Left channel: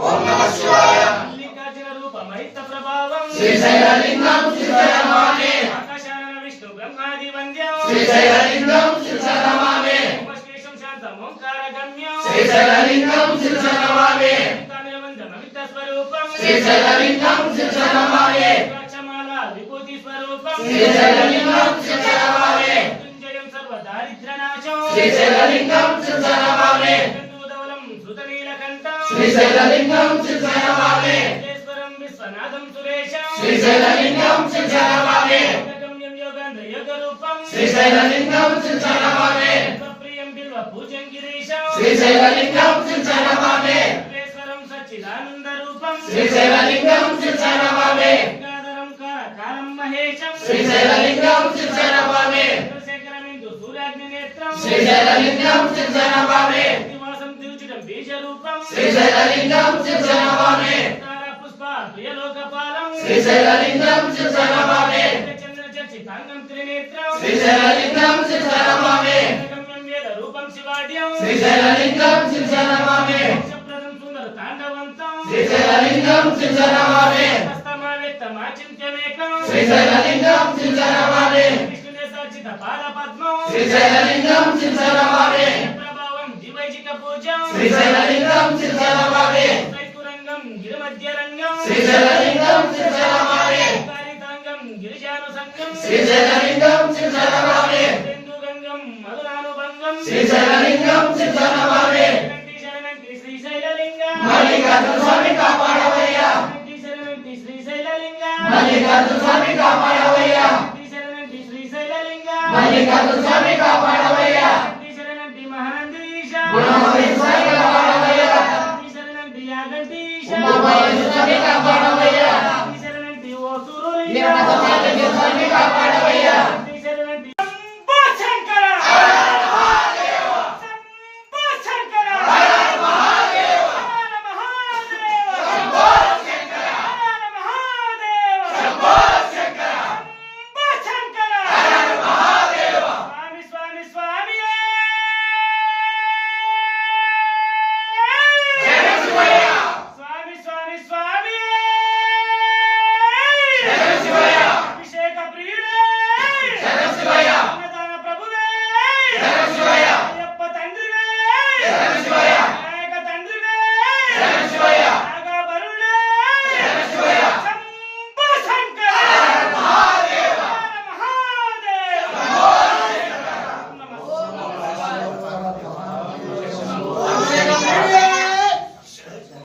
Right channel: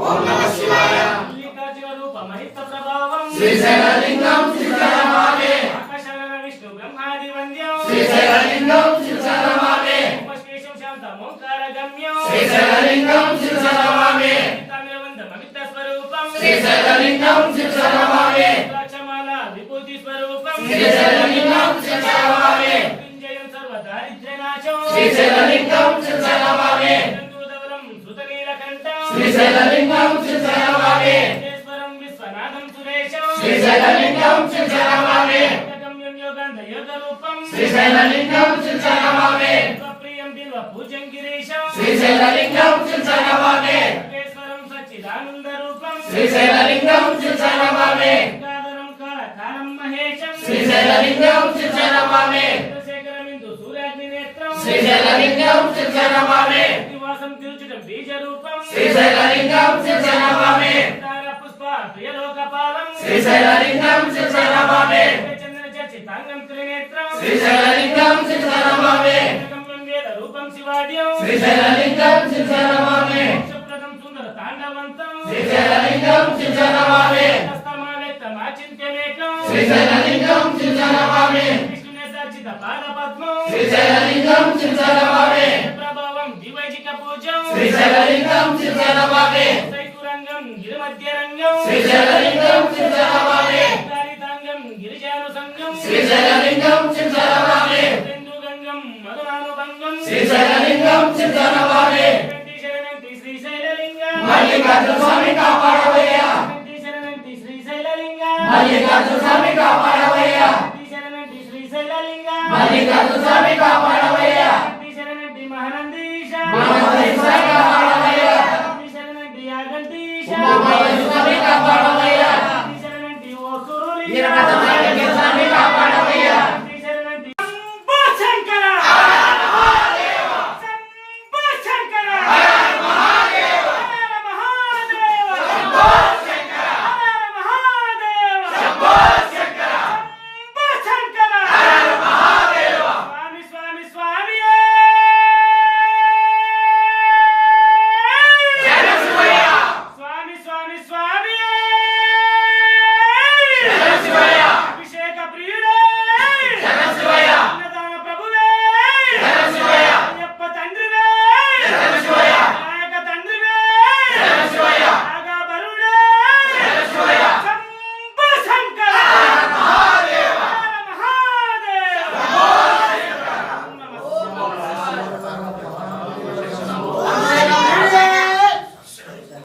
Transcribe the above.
ఓం నమః శివాయ మల్లికార్జున రూప మహిత ప్రభావం శ్రీశైలలింగం శ్రీశైలమామే ఆకాశాన విష్ణు బ్రహ్మాది వంద్యం శ్రీశైలలింగం శ్రీశైలమామే ఉపశేషం శాంతం ఓంకార గమ్యం శ్రీశైలలింగం శ్రీశైలమామే అమిత స్వరూపం శ్రీశైలలింగం శ్రీశైలమామే లక్షమాల విభూతి స్వరూపం శ్రీశైలలింగం శ్రీశైలమామే విజయం సర్వ దారిద్ర్య నాశం శ్రీశైలలింగం శ్రీశైలమామే ధూదవలం ధృతనీలకంఠం శ్రీశైలలింగం శ్రీశైలమామే ఈశ్వరం విశ్వనాథం సురేశం శ్రీశైలలింగం శ్రీశైలమామే గమ్యం యోగాంధ యోగ రూపం శ్రీశైలలింగం శ్రీశైలమామే ప్రియం బిల్వ పూజం గిరీశం శ్రీశైలలింగం శ్రీశైలమామే సర్వేశ్వరం సచ్చిదానంద రూపం శ్రీశైలలింగం శ్రీశైలమామే గంగాధరం కాలం మహేశం శ్రీశైలలింగం శ్రీశైలమామే చంద్రశేఖరమిందు సూర్యాగ్ని నేత్రం శ్రీశైలలింగం శ్రీశైలమామే నివాసం తిరుచుటం బీజ రూపం శ్రీశైలలింగం శ్రీశైలమామే తార పుష్ప ప్రియలోకపాలం శ్రీశైలలింగం శ్రీశైలమామే చంద్ర చర్చితాంగం త్రినేత్రం శ్రీశైలలింగం శ్రీశైలమామే గమ్యం వేద రూపం శివాద్యం శ్రీశైలలింగం శ్రీశైలమామే సుప్రదం సుందర తాండవంతం శ్రీశైలలింగం శ్రీశైలమామే చింత్యమేకం శ్రీశైలలింగం శ్రీశైలమామే విష్ణునే సజ్జిత పాద పద్మం శ్రీశైలలింగం శ్రీశైలమామే ప్రభావం దివైజిక పూజం శ్రీశైలలింగం శ్రీశైలమామే సైకురంగం గిరిమధ్య రంగం శ్రీశైలలింగం శ్రీశైలమామే కారితాంగం గిరిజాను సంగం శ్రీశైలలింగం శ్రీశైలమామే గంగం మధురానుభంగం శ్రీశైలలింగం శ్రీశైలమామే శరణంతి శ్రీశైలలింగం మల్లికార్జున స్వామి కాపాడవయ్యా శరణంతి శ్రీశైలలింగం మల్లికార్జున స్వామి కాపాడవయ్యా శరణంతి శ్రీశైలలింగం మల్లికార్జున స్వామి కాపాడవయ్యా శరణంతి మహానందీశ మహామహేశ్వర స్వామి కాపాడవయ్యా శరణంతి యాగంతీశ ఉమామహేశ్వర స్వామి కాపాడవయ్యా శరణంతి ఓ సురులింగం వీరభద్రమాలిక స్వామి కాపాడవయ్యా